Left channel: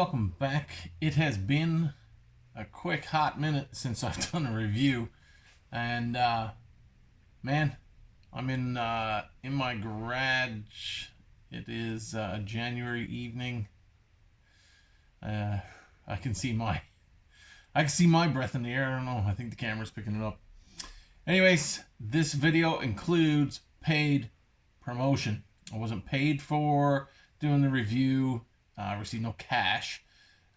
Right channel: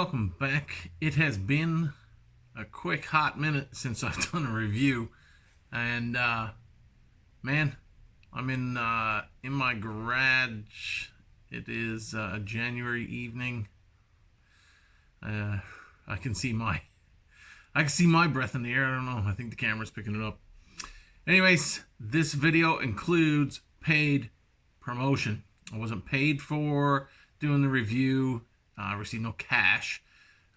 welcome back. It has been a quick hot minute since I've done a review, and man, I'm in my garage. It is a January evening. I can see my breath in the air. I don't know. I think the camera's picking it up. Anyways, this video includes paid promotion. I wasn't paid for doing the review. I received no cash,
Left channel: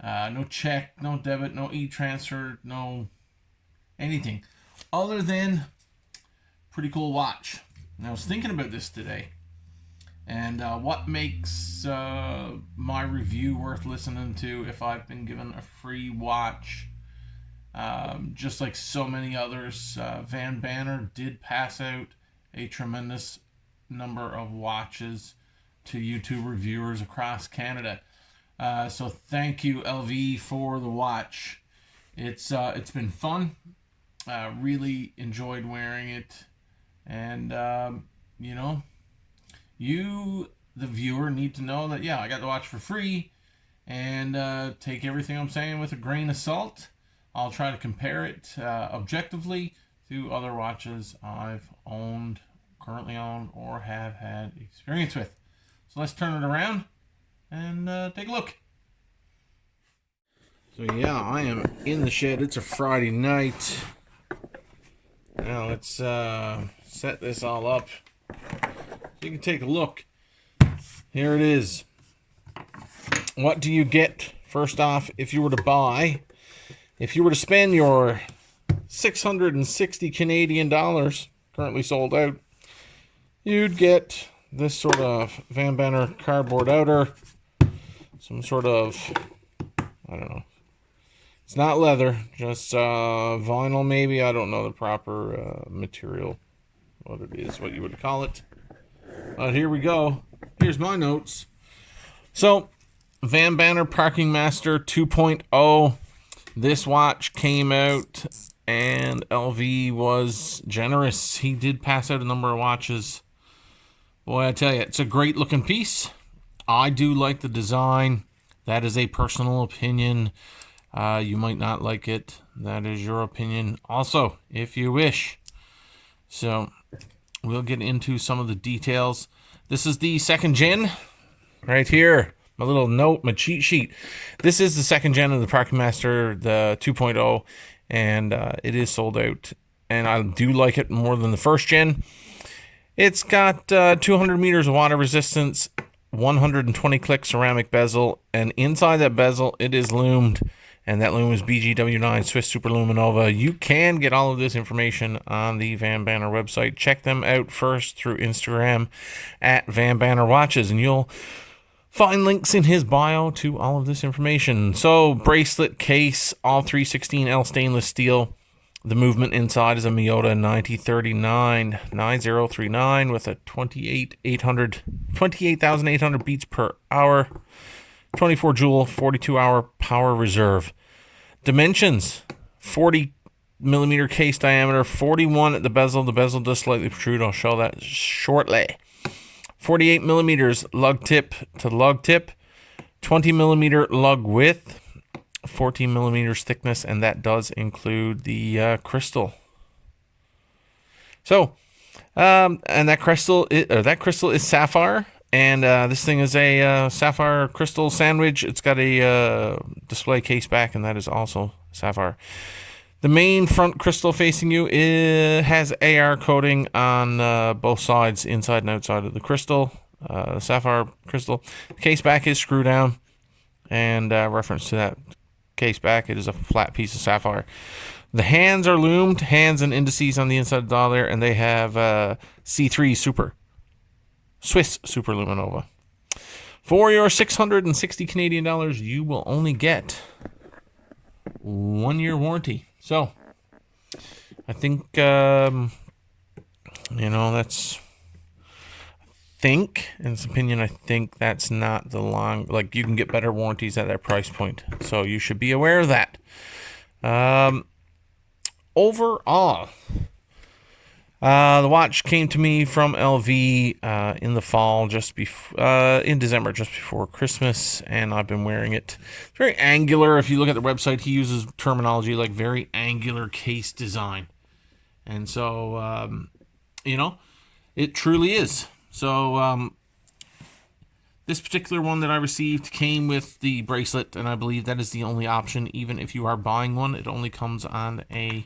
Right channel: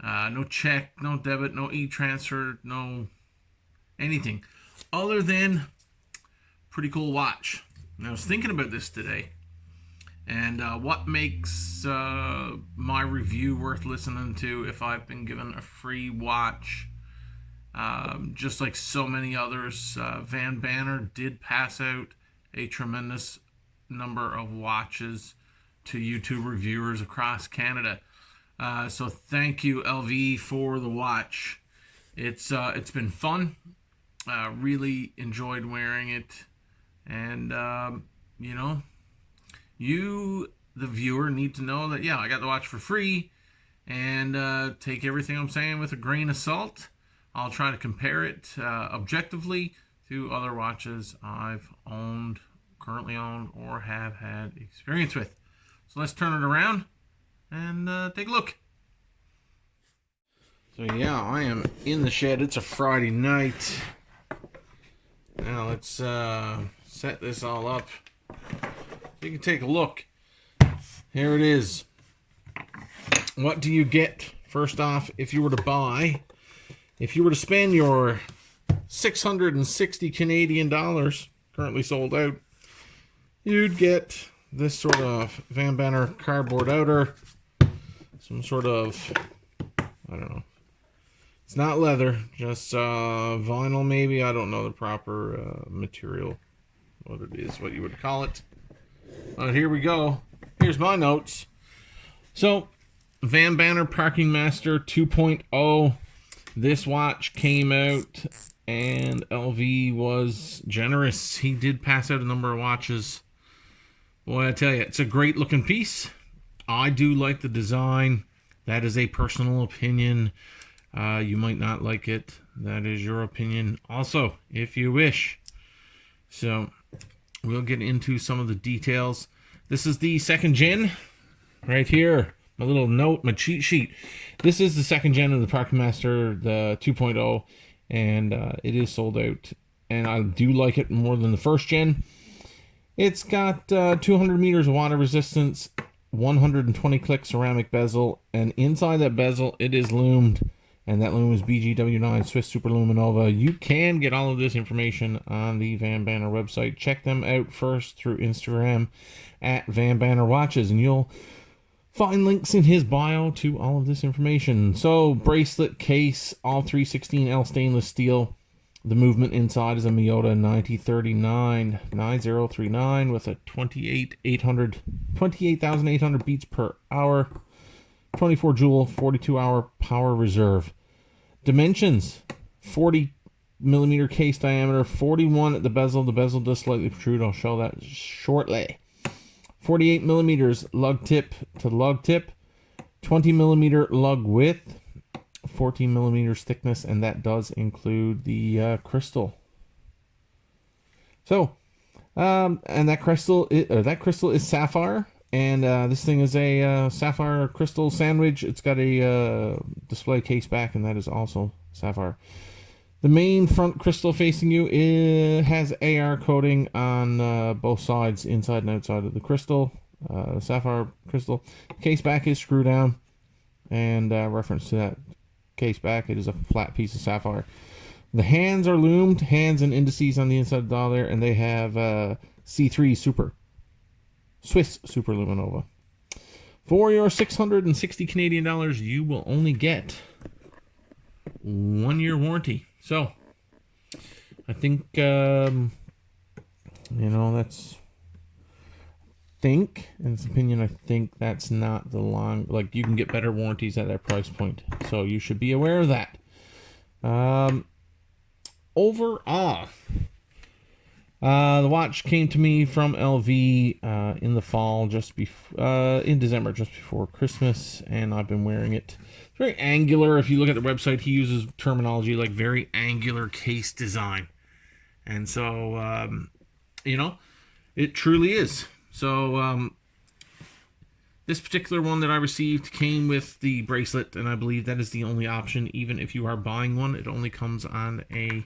no check, no debit, no e-transfer, no anything other than pretty cool watch. And I was thinking about this today, and what makes my review worth listening to if I've been given a free watch. Just like so many others, VanBanner did pass out a tremendous number of watches to YouTube reviewers across Canada. So thank you, LV, for the watch. It's been fun. Really enjoyed wearing it, and you, the viewer, need to know that I got the watch for free, and take everything I'm saying with a grain of salt. I'll try to compare it objectively to other watches I've owned, currently owned, or have had experience with. So let's turn it around and take a look. So I am in the shed. It's a Friday night. Now let's set this all up so you can take a look. Here it is. What do you get? First off, if you were to spend your 660 Canadian dollars, currently sold out, you'd get this sort of VanBanner cardboard outer, some sort of, I don't know, it's not leather, just vinyl maybe, I don't know the proper material, what it is, what you would call it. But here we go. Here's my notes. So, VanBanner Parking Master 2.0. This watch came out, and LV was generous. He did pass out a number of watches. Boy, I tell you, it's a great looking piece. I do like the design. That is a personal opinion. You might not like it. That is your opinion also, if you wish. So, we'll get into some of the details. This is the second gen, right here. My little note, my cheat sheet. This is the second gen of the Parking Master, the 2.0, and it is sold out. And I do like it more than the first gen. It's got 200 meters of water resistance, 120 click ceramic bezel, and inside that bezel, it is lumed. And that lume is BGW9 Swiss Super Luminova. You can get all of this information on the VanBanner website. Check them out first through Instagram at VanBanner Watches, and you'll find links in his bio to all of this information. So, bracelet case, all 316L stainless steel. The movement inside is a Miyota 9039 with a 28,800 beats per hour, 24 joule, 42 hour power reserve. Dimensions: 40 millimeter case diameter, 41 at the bezel. The bezel does slightly protrude. I'll show that shortly. 48 millimeters lug tip to lug tip, 20 millimeter lug width, 14 millimeters thickness, and that does include the crystal. So, and that crystal is sapphire, and this thing is a sapphire crystal sandwich. It's got a display case back, and that is also sapphire. The main front crystal facing you has AR coating on both sides, inside and outside of the crystal, sapphire crystal. The case back is screw down, and reference to that case back, it is a flat piece of sapphire. The hands are loomed, hands and indices on the inside of the dial there, and they have C3 Swiss Super Luminova. For your 660 Canadian dollars, you will only get 1 year warranty. So, I think, that's, in this opinion, I think that's not the long, like, you can get better warranties at that price point. So, you should be aware of that. Overall, The watch came to me from LV in the fall, in December, just before Christmas, and I've been wearing it. It's very angular. If you look at the website, he uses terminology like very angular case design. And so, it truly is. So, this particular one that I received came with the bracelet, and I believe that is the only option. Even if you are buying one, it only comes on a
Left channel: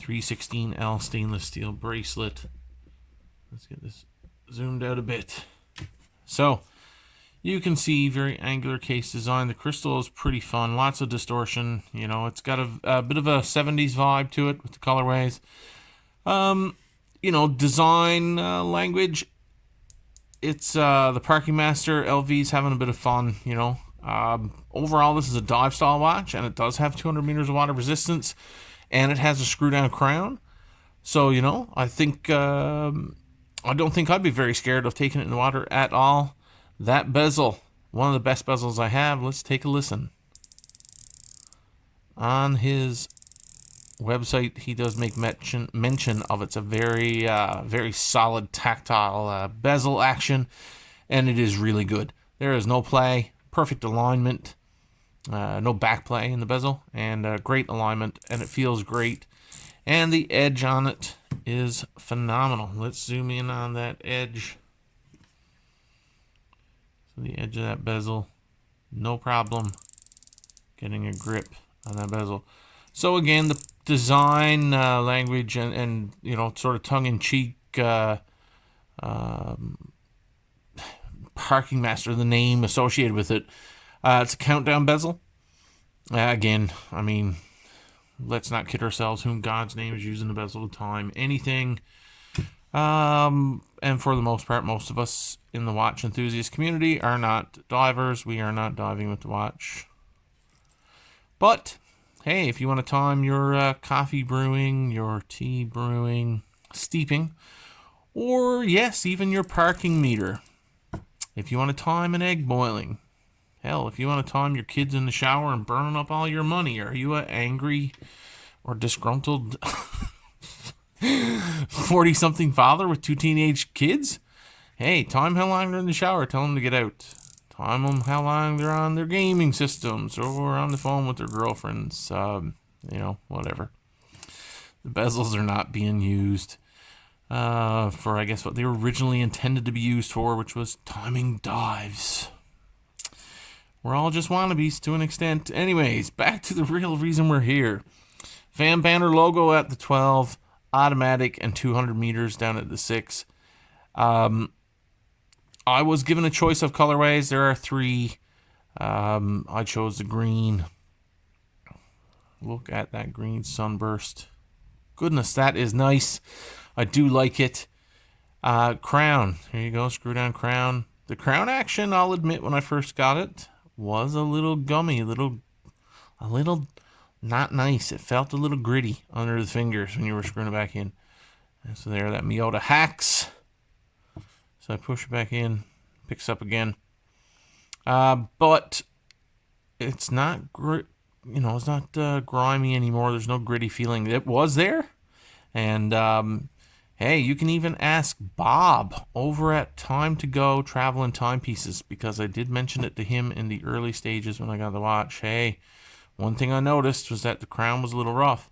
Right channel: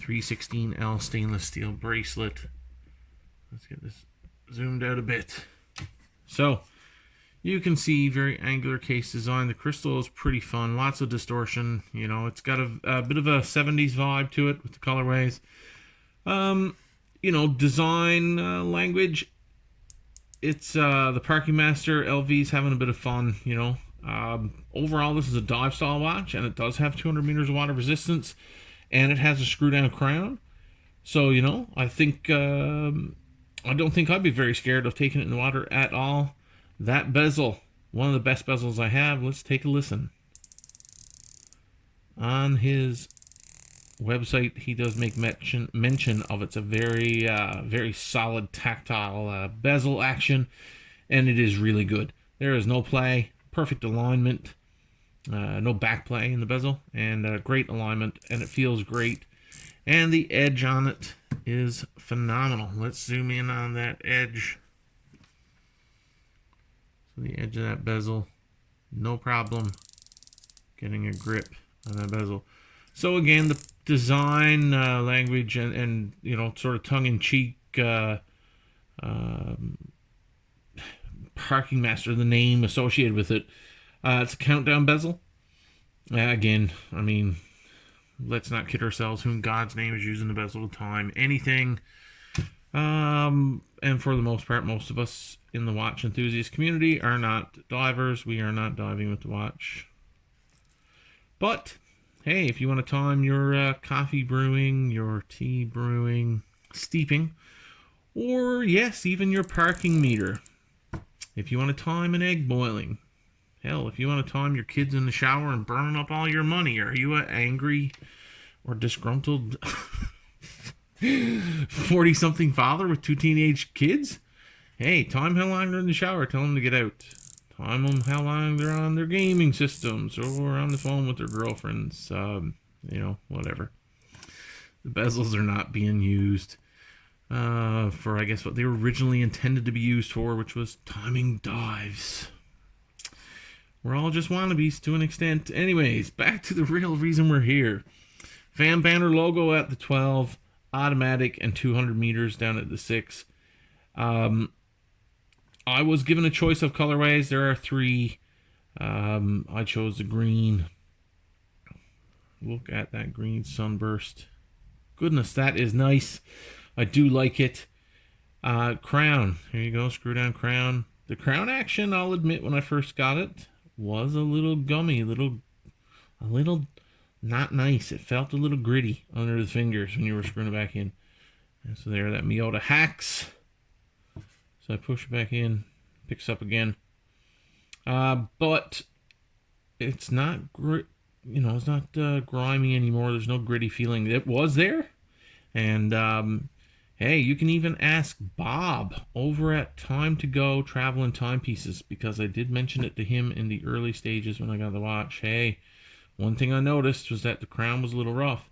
316L stainless steel bracelet. Let's get this zoomed out a bit. So, you can see very angular case design. The crystal is pretty fun. Lots of distortion. It's got a bit of a 70s vibe to it with the colorways. Design language. It's the Parking Master. LV's having a bit of fun, Overall, this is a dive style watch, and it does have 200 meters of water resistance, and it has a screw down crown. So, I think, I don't think I'd be very scared of taking it in the water at all. That bezel, one of the best bezels I have. Let's take a listen. On his website, he does make mention of it's a very very solid tactile bezel action, and it is really good. There is no play, perfect alignment, no back play in the bezel, and great alignment, and it feels great, and the edge on it is phenomenal. Let's zoom in on that edge. So the edge of that bezel, no problem getting a grip on that bezel. So again, the design language and sort of tongue-in-cheek Parking Master, the name associated with it. It's a countdown bezel. Again, I mean, let's not kid ourselves. Who in God's name is using the bezel to time anything? And for the most part, most of us in the watch enthusiast community are not divers. We are not diving with the watch. But hey, if you want to time your coffee brewing, your tea brewing, steeping, or yes, even your parking meter. If you want to time an egg boiling. Hell, if you want to time your kids in the shower and burning up all your money. Are you an angry or disgruntled 40-something father with 2 teenage kids? Hey, time how long they're in the shower. Tell them to get out. Time them how long they're on their gaming systems or on the phone with their girlfriends. Whatever. The bezels are not being used for, I guess, what they were originally intended to be used for, which was timing dives. We're all just wannabes to an extent. Anyways, back to the real reason we're here. VanBanner logo at the 12, automatic, and 200 meters down at the 6. I was given a choice of colorways. There are 3. I chose the green. Look at that green sunburst. Goodness, that is nice. I do like it. Crown. Here you go, screw down crown. The crown action, I'll admit, when I first got it, was a little gummy, a little not nice. It felt a little gritty under the fingers when you were screwing it back in. And so there, that Miyota hacks. So I push it back in, picks up again. But it's not it's not grimy anymore. There's no gritty feeling. It was there. And hey, you can even ask Bob over at Time to Go Travel and Timepieces, because I did mention it to him in the early stages when I got the watch. Hey, one thing I noticed was that the crown was a little rough.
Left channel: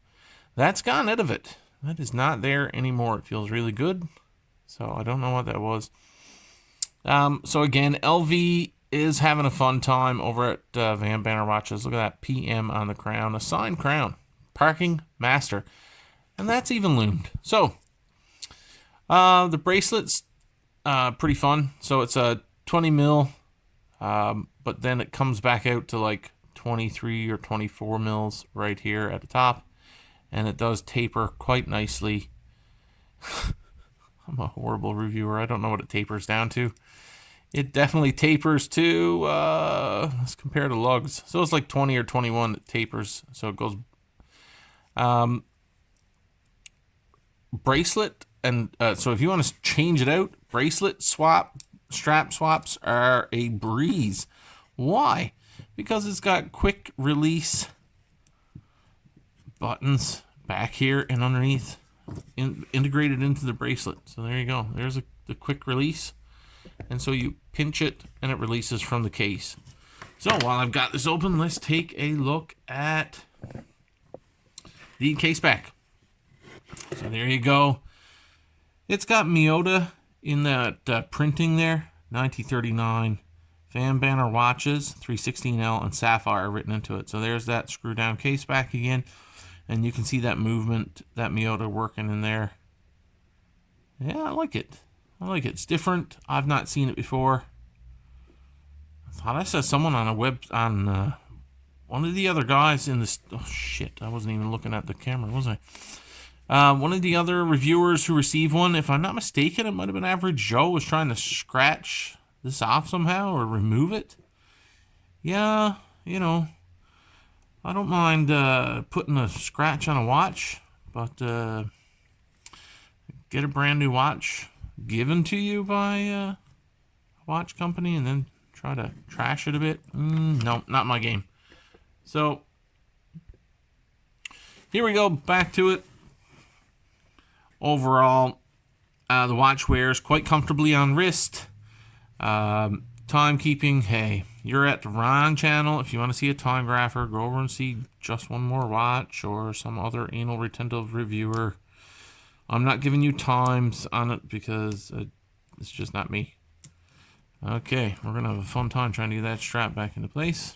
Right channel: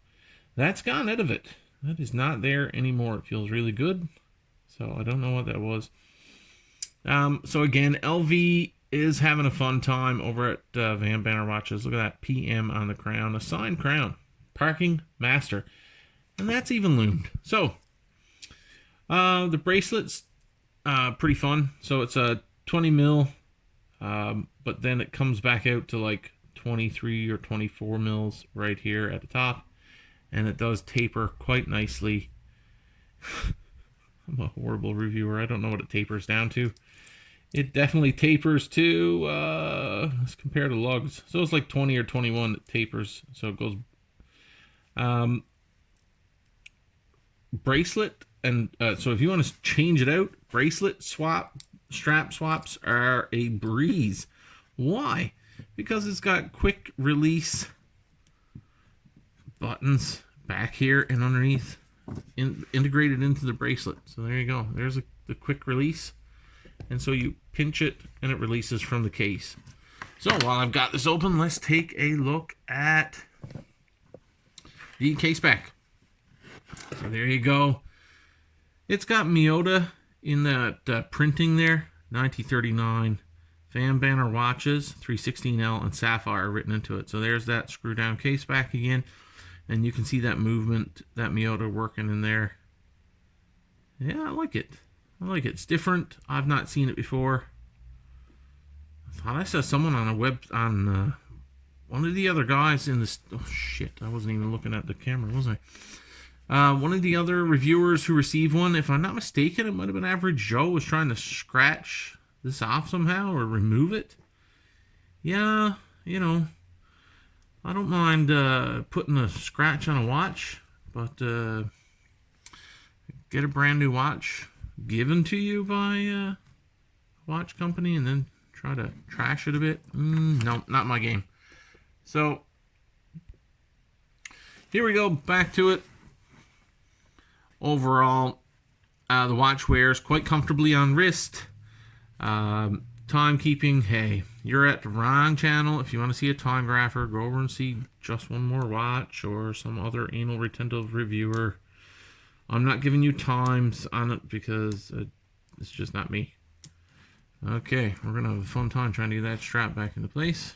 That's gone out of it. That is not there anymore. It feels really good. So I don't know what that was. So again, LV is having a fun time over at VanBanner Watches. Look at that PM on the crown. A signed crown. Parking Master. And that's even loomed. So, the bracelet's pretty fun. So it's a 20 mil, but then it comes back out to like 23 or 24 mils right here at the top. And it does taper quite nicely. I'm a horrible reviewer. I don't know what it tapers down to. It definitely tapers to, let's compare to lugs. So it's like 20 or 21 that tapers. So it goes, bracelet. And so if you want to change it out, bracelet strap swaps are a breeze. Why? Because it's got quick release buttons back here and underneath. integrated into the bracelet. So there you go. There's the quick release. And so you pinch it and it releases from the case. So while I've got this open, let's take a look at the case back. So there you go. It's got Miyota in that printing there. 1939 VanBanner Watches, 316L and Sapphire written into it. So there's that screw down case back again. And you can see that movement, that Miyota working in there. Yeah, I like it. I like it. It's different. I've not seen it before. I thought I saw someone on one of the other guys in this. Oh shit! I wasn't even looking at the camera, was I? One of the other reviewers who received one, if I'm not mistaken, it might have been Average Joe, was trying to scratch this off somehow or remove it. Yeah, you know, I don't mind putting a scratch on a watch, but get a brand new watch given to you by a watch company and then try to trash it a bit. No, not my game. So here we go, back to it. Overall, the watch wears quite comfortably on wrist. Timekeeping, hey, you're at the wrong channel. If you want to see a time grapher, go over and see Just One More Watch or some other anal retentive reviewer. I'm not giving you times on it because it's just not me. Okay, we're going to have a fun time trying to get that strap back into place.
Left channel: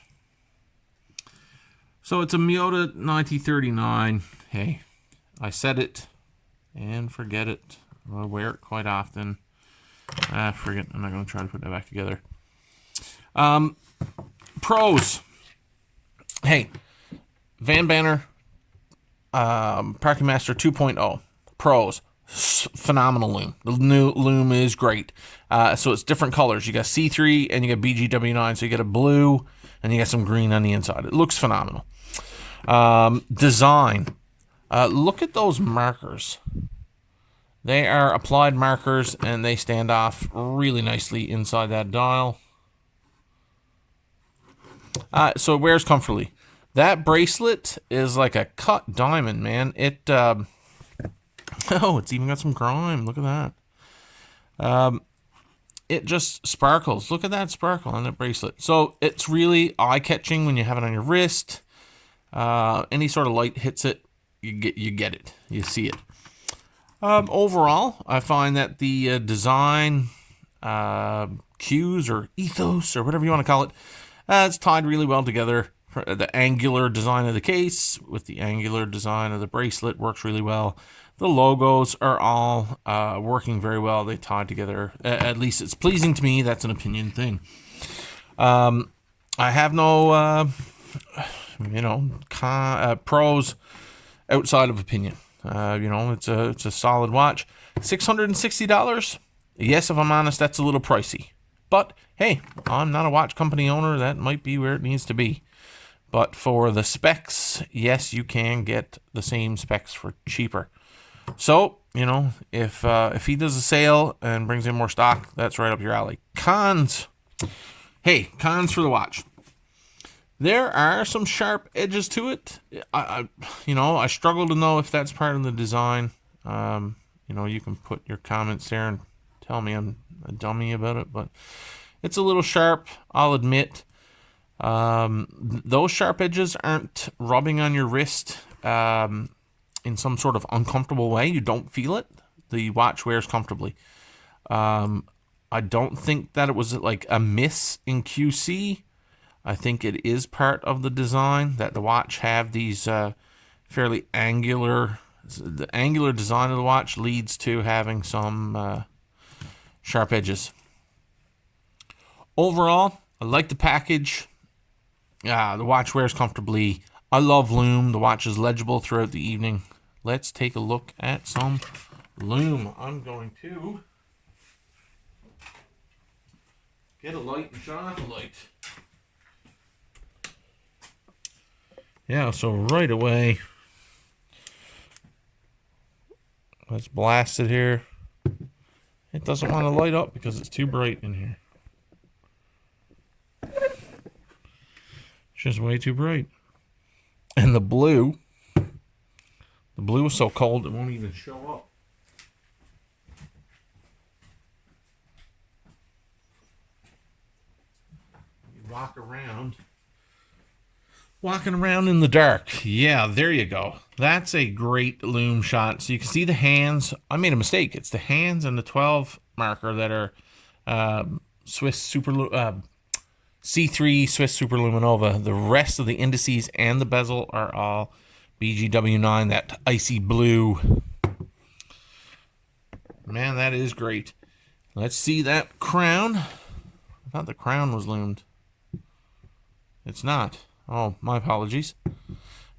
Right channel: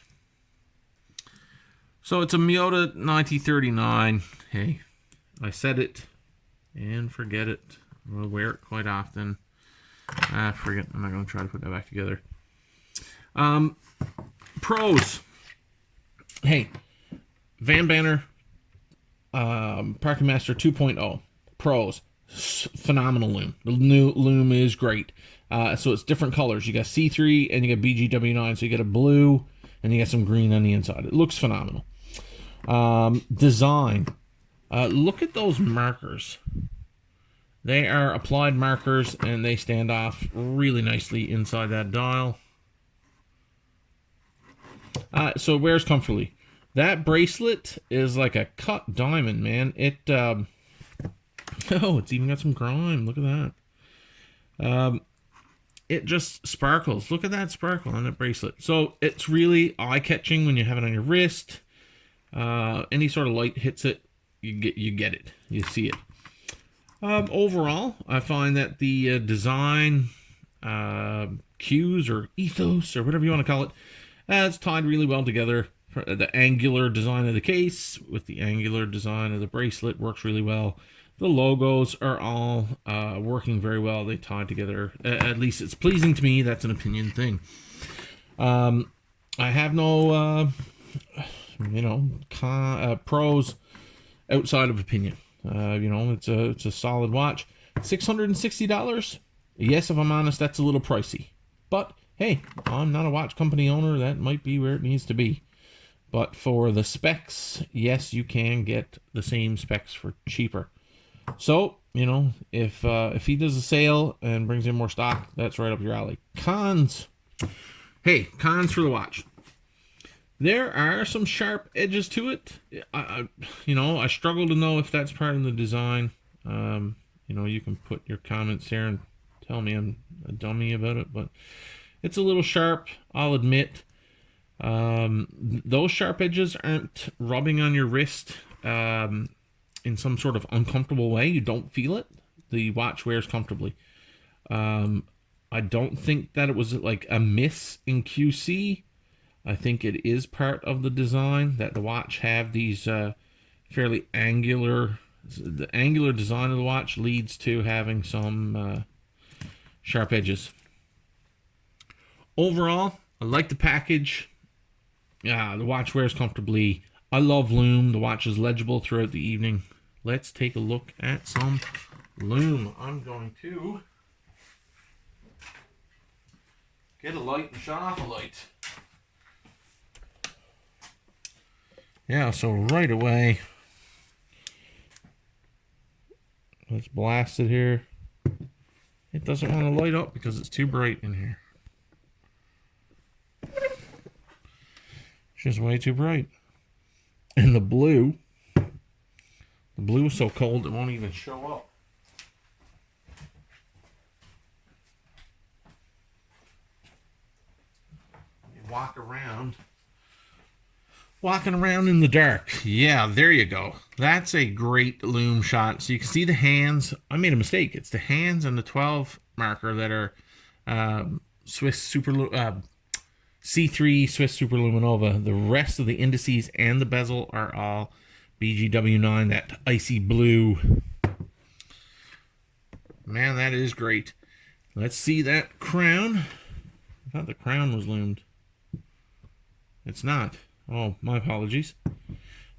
So it's a Miyota 1939. Hey, I said it and forget it. I wear it quite often. Forget. I'm not going to try to put that back together. Pros. Hey, VanBanner Parking Master 2.0. Pros. Phenomenal loom. The new loom is great. So it's different colors. You got C3 and you got BGW9. So you get a blue and you got some green on the inside. It looks phenomenal. Design. Look at those markers. They are applied markers and they stand off really nicely inside that dial. So it wears comfortably. That bracelet is like a cut diamond, man. It oh, it's even got some grime. Look at that. It just sparkles. Look at that sparkle on that bracelet. So it's really eye-catching when you have it on your wrist. Any sort of light hits it, you get it. You see it. Overall, I find that the design, cues or ethos or whatever you want to call it, it's tied really well together. The angular design of the case with the angular design of the bracelet works really well. The logos are all working very well. They tie together. At least it's pleasing to me. That's an opinion thing. I have no, pros outside of opinion. It's a solid watch. $660. Yes, if I'm honest, that's a little pricey. But hey, I'm not a watch company owner. That might be where it needs to be. But for the specs, yes, you can get the same specs for cheaper. So, if he does a sale and brings in more stock, that's right up your alley. Cons. Hey, cons for the watch. There are some sharp edges to it. I struggle to know if that's part of the design. You can put your comments there and tell me I'm a dummy about it, but it's a little sharp, I'll admit. Those sharp edges aren't rubbing on your wrist in some sort of uncomfortable way. You don't feel it. The watch wears comfortably. I don't think that it was like a miss in QC. I think it is part of the design that the watch have these fairly angular. The angular design of the watch leads to having some sharp edges. Overall, I like the package. The watch wears comfortably. I love Lume. The watch is legible throughout the evening. Let's take a look at some Lume. I'm going to get a light and shut off a light. Yeah, so right away, let's blast it here. It doesn't want to light up because it's too bright in here. It's just way too bright. And the blue The blue is so cold it won't even show up. Walking around in the dark. Yeah, there you go. That's a great Lume Shot. So you can see the hands. I made a mistake. It's the hands and the 12 marker that are Swiss Super C3 Swiss Super Luminova. The rest of the indices and the bezel are all BGW9, that icy blue. Man, that is great. Let's see that crown. I thought the crown was loomed. It's not. Oh, my apologies.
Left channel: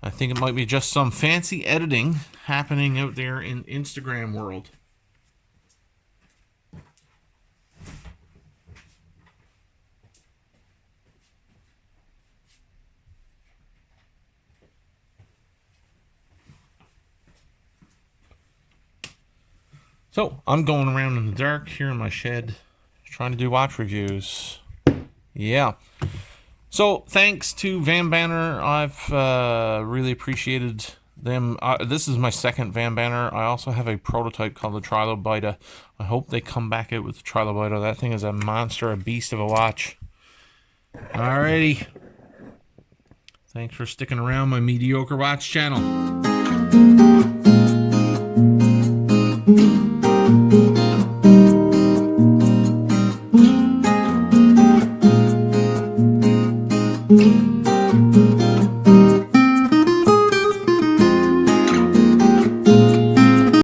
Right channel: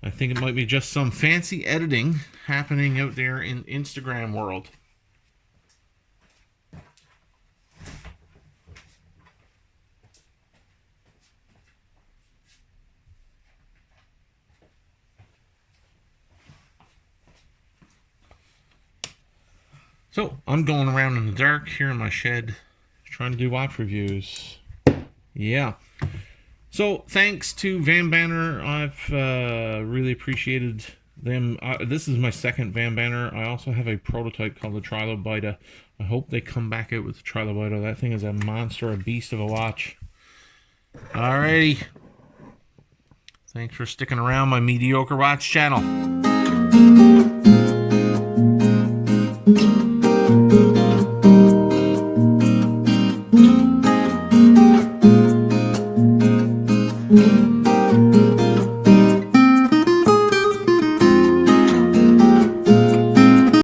I think it might be just some fancy editing happening out there in Instagram world. So, I'm going around in the dark here in my shed, trying to do watch reviews. Yeah. So, thanks to VanBanner. I've really appreciated them. This is my second VanBanner. I also have a prototype called the Trilobita. I hope they come back out with the Trilobita. That thing is a monster, a beast of a watch. Alrighty. Thanks for sticking around my mediocre watch channel.